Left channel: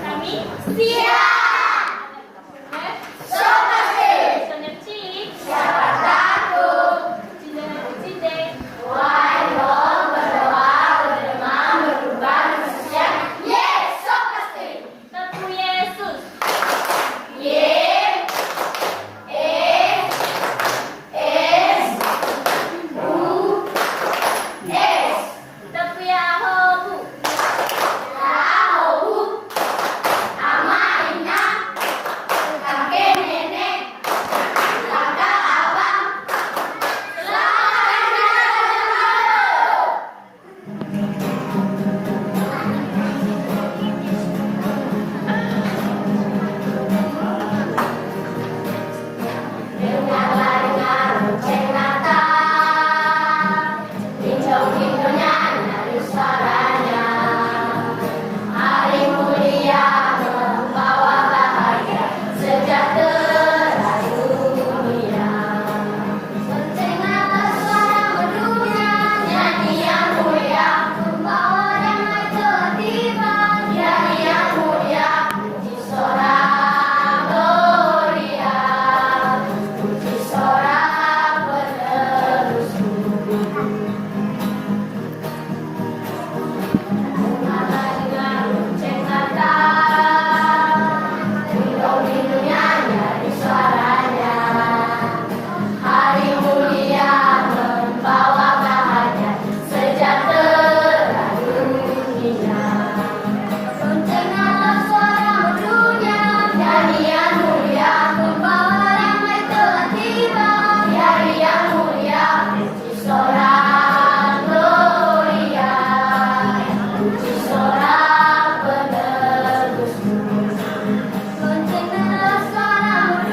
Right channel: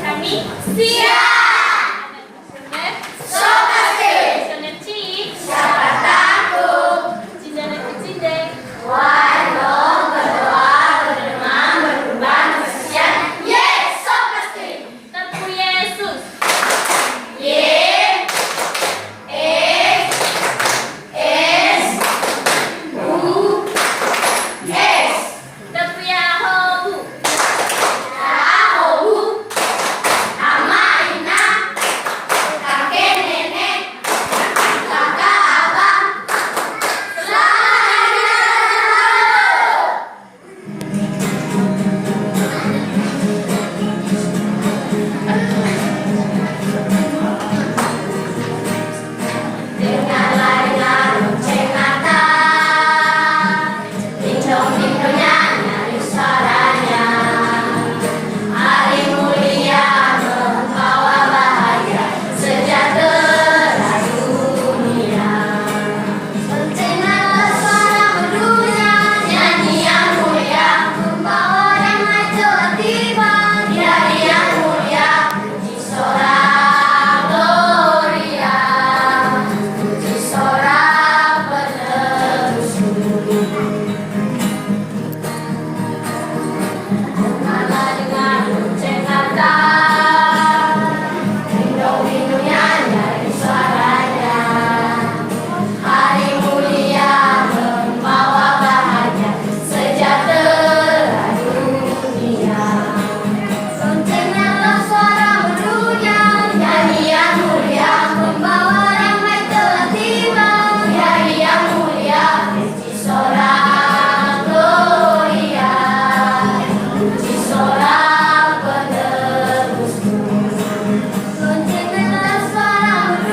Kami siap. Sokasi. Soneci. Siapa takut? Cindana kecinde. Waduh, berdoa, berdemam, berkurban, bersiap. Yes, sokasi. Tepu Yesus. Y, E, S, U, S. Tepu Yahobu. Yahobu. Amaina, kakek nenek, kakak abang, selamanya. Dengarlah dengar lonceng Natal, dindong-dindongnya nyaring suaranya. Hari mulia membawa bahagia sejahtera dunia. Loncenglah suara merdunya, nyanyi yang mulia, membawa damai telah tiba. Di hari yang mulia, puji sorak gloria, puji sorak penebusku. Dengarlah dengar lonceng Natal, dindong-dindongnya nyaring suaranya. Hari mulia membawa bahagia sejahtera dunia. Loncenglah suara merdunya, nyanyi